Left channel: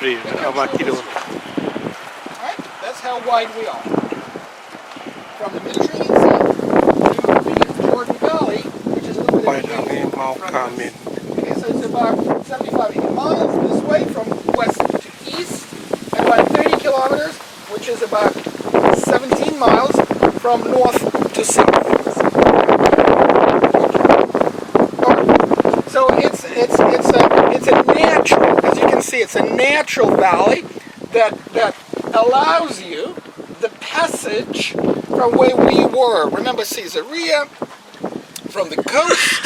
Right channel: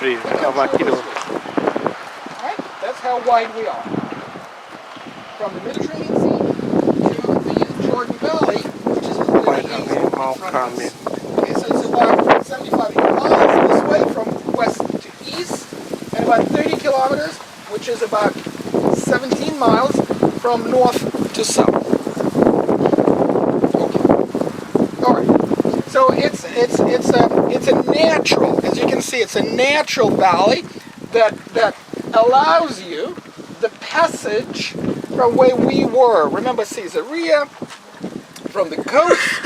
frio, tava aqui no... Right? That's how wide we are. From the Mediterranean Sea to the Jordan Valley, which is a little Pai bit kami, east mau from kami. us. Okay, so it's about 75 miles this way from west to east, and about 30 kilometers, which is about 17 miles from north to south. So it's a natural, as you can see, it's a natural valley that allows you the passage from where we were. Remember Caesarea, from the coast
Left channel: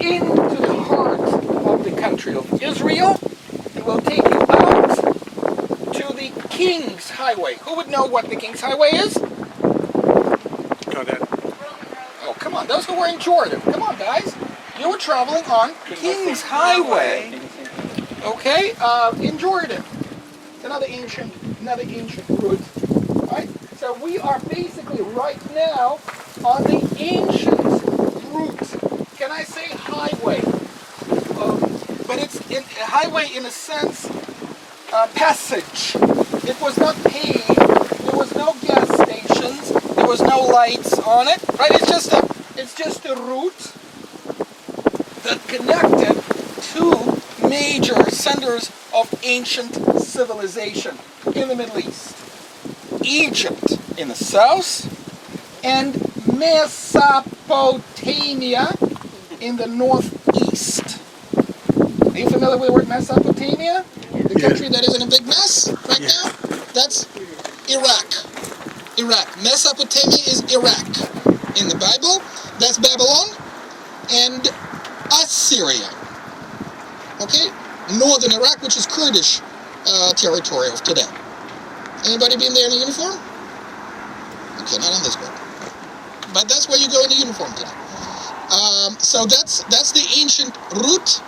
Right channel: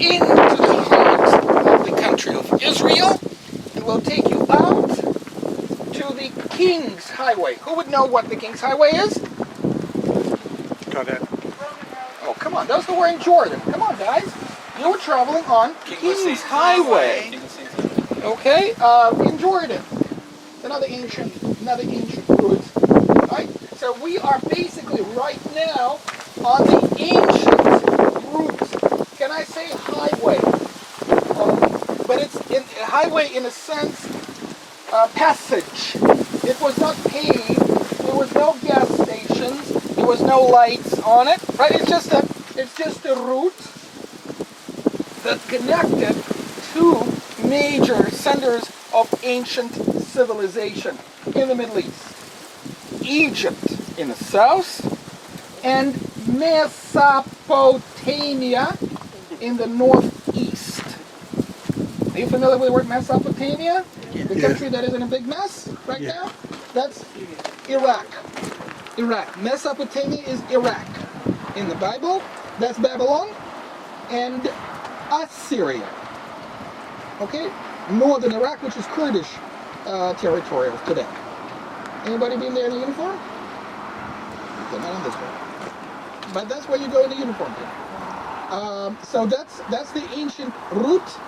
into the heart of the country of Israel, and will take you out to the King's Highway. Who would know what the King's Highway is? Oh, come on, those who were in Jordan. Come on, guys. You were traveling on King's Highway. Okay, in Jordan. It's another ancient route. Right? So we are basically right now on the ancient route. Can I say highway? But it's a highway in a sense, passage. It was not paved. There was no gas stations. There was no lights on it. Right? It's just a route that connected two major centers of ancient civilization in the Middle East. Egypt in the south and Mesopotamia in the northeast. Are you familiar with the word Mesopotamia? The country that is in a big mess right now? That's Iraq. Mesopotamia is Iraq. In the Bible, that's Babylon and Assyria. Okay? Northern Iraq, which is Kurdish territory of today. Anybody been there in a uniform? Okay, not on this one. But that's where you go in the uniform today. So that's the ancient route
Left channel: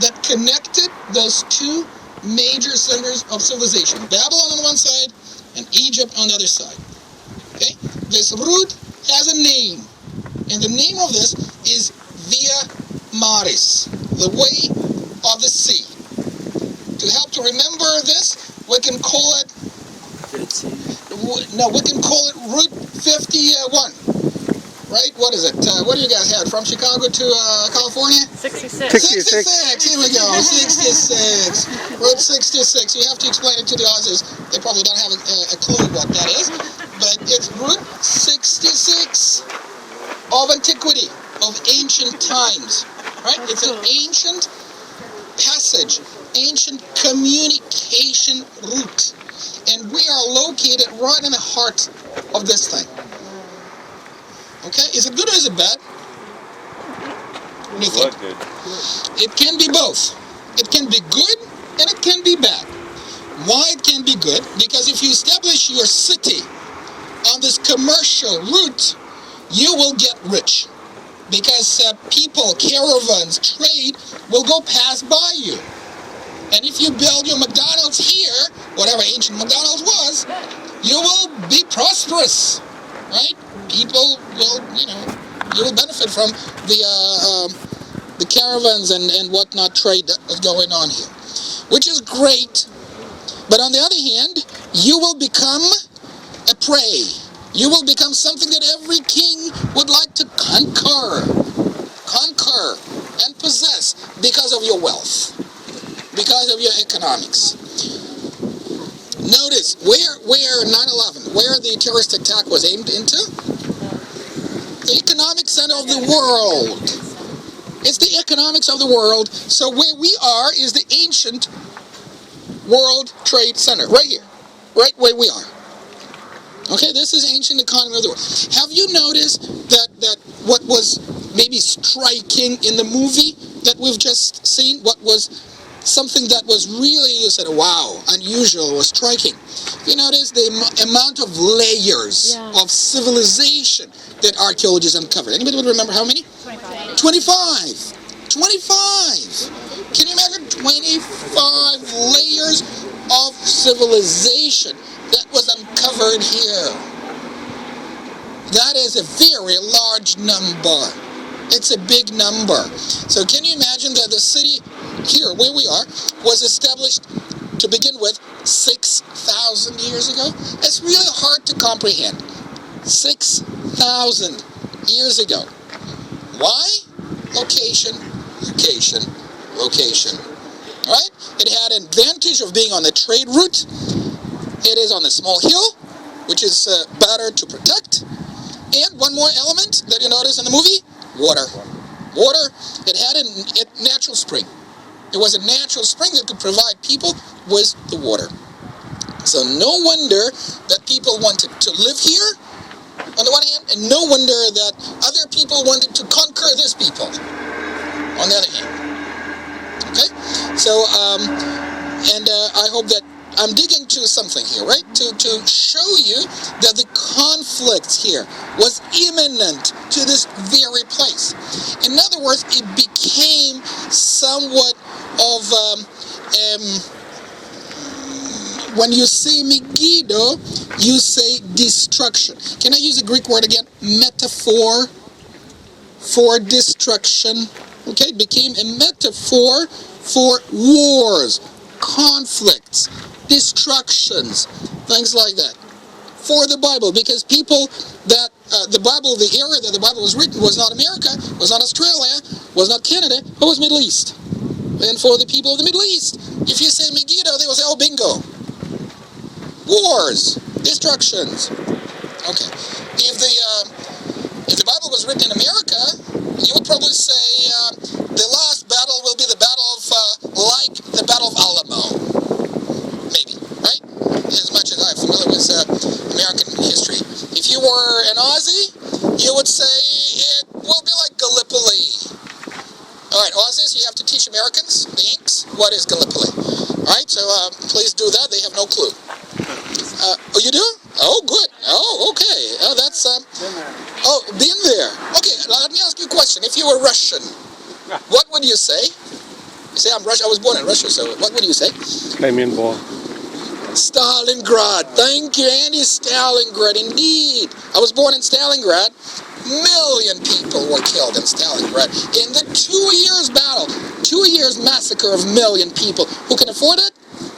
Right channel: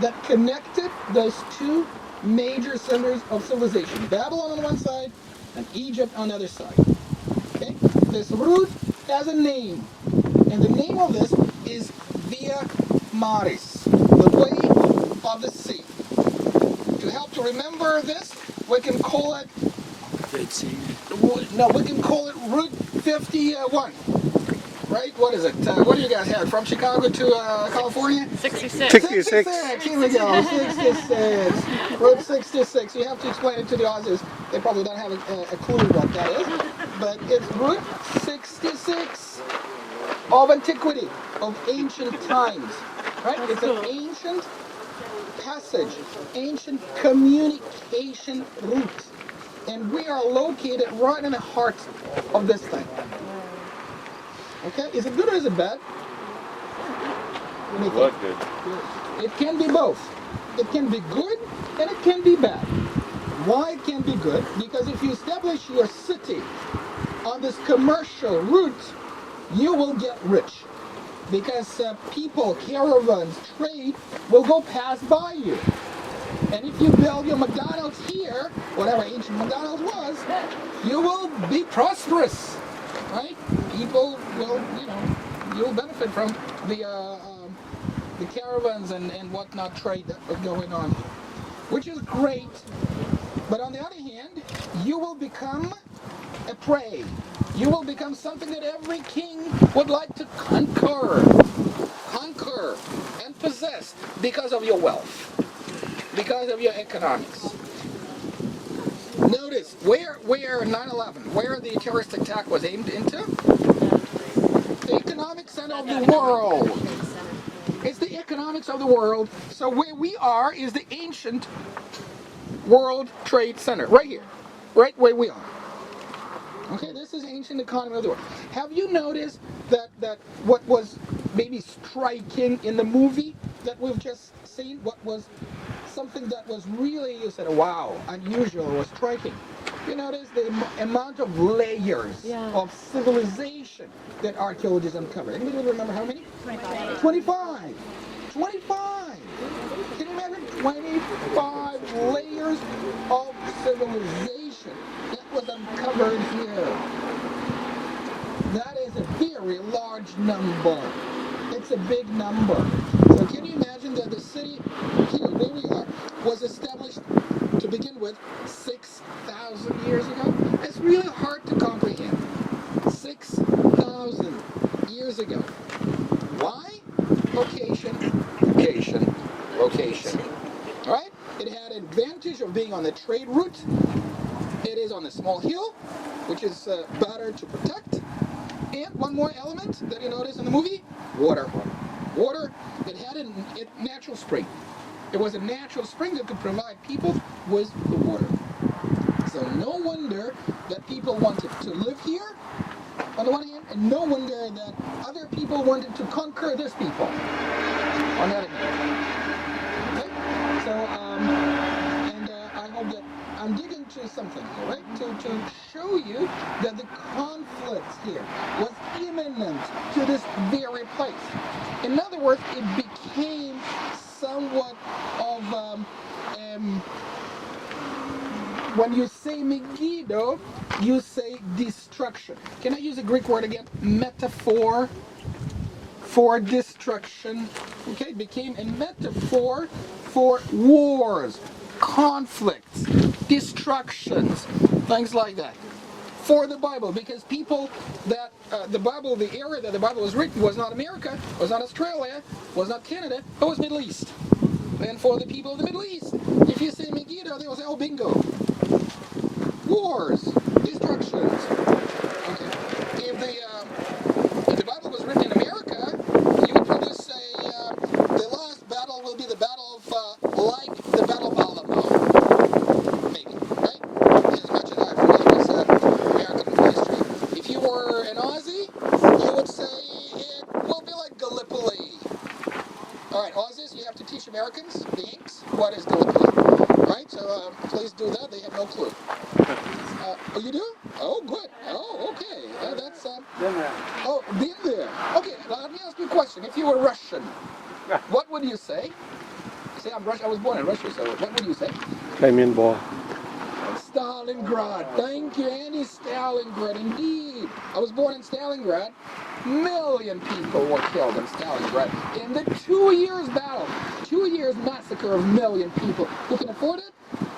that connected those two major centers of civilization. Babylon on one side and Egypt on the other side. Okay? This route has a name. And the name of this is Via Maris, the way of the sea. To help to remember this, we can call it Route 51. Right? What is it? What do you guys have? From Chicago to California? 66. 66. Here we go. 66. Route 66. You have to explain it to the Aussies. They probably don't have a clue what that is. But it's Route 66 of antiquity, of ancient times. Right? It's an ancient passage, ancient communication route. And we are located right in the heart of this thing. Okay, is it good or is it bad? What do you think? Good. It can be both. It can be good and it can be bad. Why it can be good? Because if you establish your city on this commercial route, you will get rich. Because people, caravans, trade will go past by you. And if you build your McDonald's here, whatever ancient McDonald's was, you will be prosperous. Right? People will, you will benefit from the caravans and whatnot trade that was going on here, which is great. But on the other hand, you will become a prey. You will become something that every king would like to conquer and possess because of your wealth, because of your economics. Notice where 9/11, where the terrorist attack was aimed into? The economic center of the world. It's the economics of the world. So where we are is the ancient World Trade Center, right here, right where we are. Okay, this is ancient economy of the world. Have you noticed that what was maybe striking in the movie that we've just seen, what was something that was really, you said, wow, unusual or striking? You notice the amount of layers of civilization that archaeologists uncovered. Anybody would remember how many? 25. 25. Can you imagine 25 layers of civilization that was uncovered here? That is a very large number. It's a big number. So can you imagine that the city here, where we are, was established to begin with 6,000 years ago? It's really hard to comprehend. 6,000 years ago. Why? Location, location, location. Right? It had an advantage of being on the trade route. It is on a small hill, which is better to protect. And one more element that you notice in the movie, water. Water, it had a natural spring. It was a natural spring that could provide people with the water. So no wonder that people wanted to live here, on the one hand, and no wonder that other people wanted to conquer this people, on the other hand. Okay? So, I hope that I'm digging to something here, right? To show you that the conflict here was imminent to this very place. In other words, it became somewhat of, when you say Megiddo, you say destruction. Can I use a Greek word again? Metaphor for destruction. Okay, it became a metaphor for wars, conflicts, destructions, things like that. For the Bible, because people that the Bible, the area that the Bible was written was not America, was not Australia, was not Canada, but was Middle East. And for the people of the Middle East, if you say Megiddo, they will say, oh, bingo. Wars, destructions. Okay. If the Bible was written in America, you would probably say the last battle will be the battle of, like the Battle of Alamo. Maybe, right? As much as I'm familiar with American history. If you were an Aussie, you would say it will be like Gallipoli. All right, Aussies, you have to teach Americans, the Inks, what is Gallipoli. All right, so please do that. They have no clue. Oh, you do? Oh, good. Oh, okay. Oh, that's, oh, been there. Okay, now let me ask you a question. If you were Russian, what would you say? You say, I'm Russian. I was born in Russia, so what would you say? Stalingrad. Thank you, Andy. Stalingrad, indeed. I was born in Stalingrad. Million people were killed in Stalingrad. In the 2 years battle, 2 years massacre of million people. Who can afford it?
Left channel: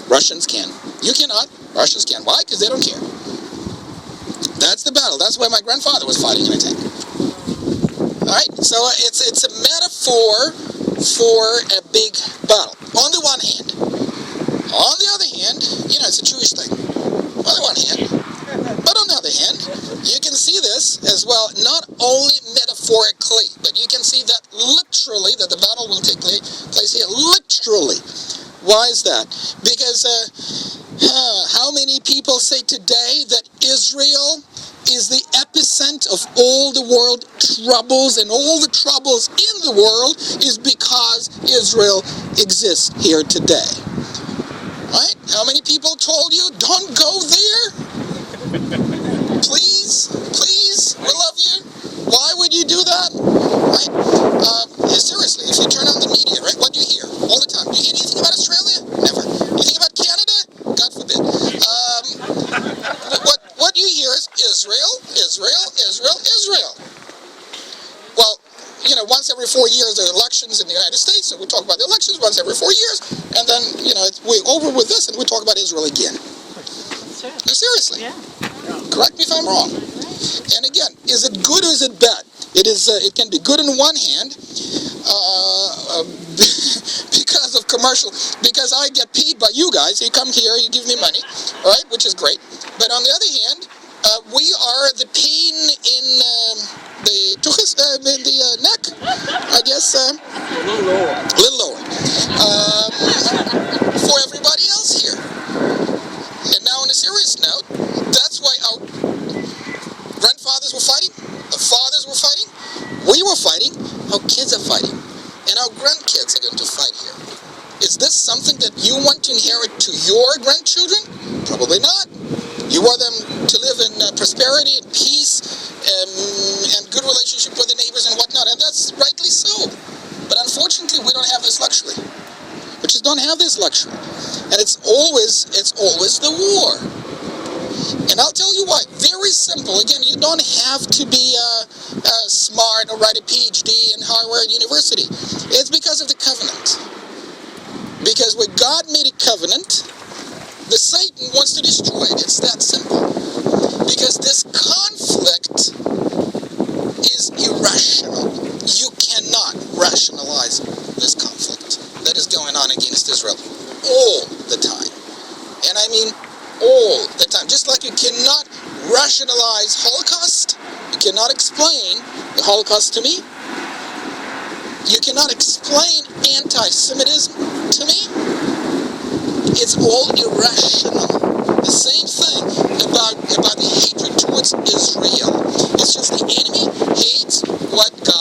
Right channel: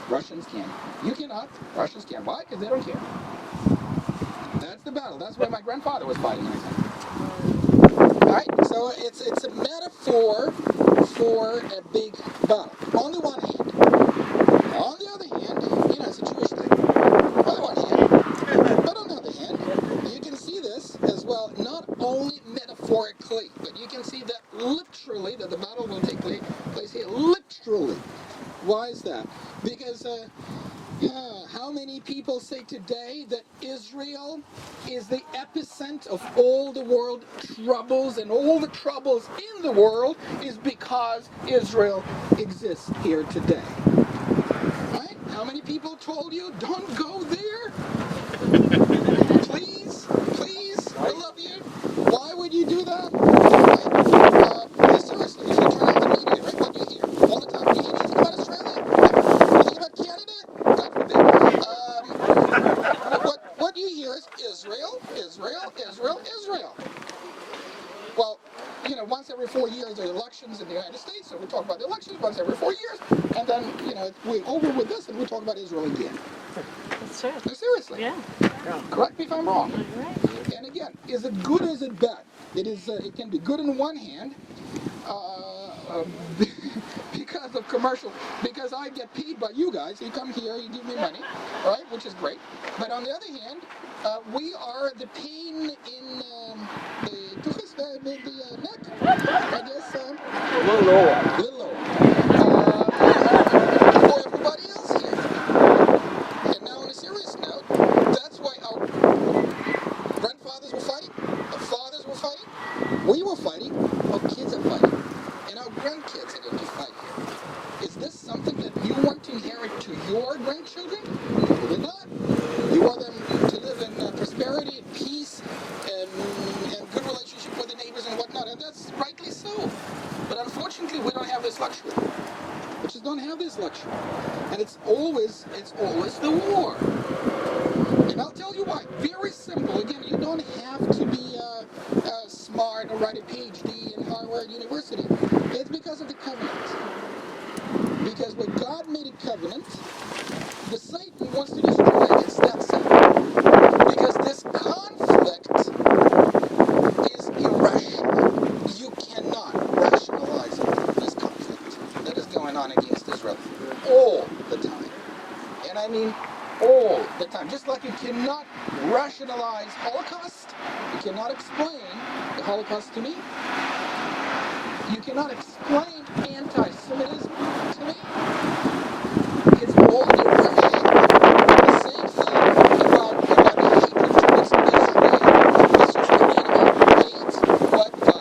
Russians can. You cannot. Russians can. Why? Because they don't care. That's the battle. That's why my grandfather was fighting in a tank. All right? So it's a metaphor for a big battle. On the one hand. On the other hand, you know, it's a Jewish thing. On the one hand. But on the other hand, you can see this as well, not only metaphorically, but you can see that literally, that the battle will take place here. Literally. Why is that? Because how many people say today that Israel is the epicenter of all the world troubles, and all the troubles in the world is because Israel exists here today? Right? How many people told you, don't go there? Please, please, we love you. Why would you do that? Right? Seriously, if you turn on the media, right, what do you hear all the time? Do you hear anything about Australia? Never. Do you think about Canada? God forbid. What you hear is Israel, Israel, Israel, Israel. Well, you know, once every 4 years there are elections in the United States, so we talk about the elections once every 4 years, and then, you know, we're over with this and we talk about Israel again. No, seriously. Yeah. Correct me if I'm wrong. And again, is it good or is it bad? It is. It can be good on one hand because of commercial. Because I get paid by you guys. You come here, you give me money, all right, which is great. But on the other hand, we are the pain in the neck. I guess. A little lower. A little lower. For everybody else here. And now, on a serious note, that's why our grandfathers were fighting, the fathers were fighting, we were fighting, our kids are fighting, and our grandkids are going to fight here. Is this something that you want to inherit to your grandchildren? Probably not. You want them to live in prosperity and peace and good relationship with the neighbors and whatnot, and that's rightly so. But unfortunately, we don't have this luxury. We just don't have this luxury. And it's always the war. And I'll tell you why. Very simple. Again, you don't have to be smart smart or write a PhD in Harvard University. It's because of the covenant. Because when God made a covenant, the Satan wants to destroy it. It's that simple. Because this conflict is irrational. You cannot rationalize this conflict that is going on against Israel all the time. And I mean all the time. Just like you cannot rationalize Holocaust, you cannot explain the Holocaust to me. You cannot explain anti-Semitism to me. It's all irrational. The same thing about hatred towards Israel. It's just the enemy hates what God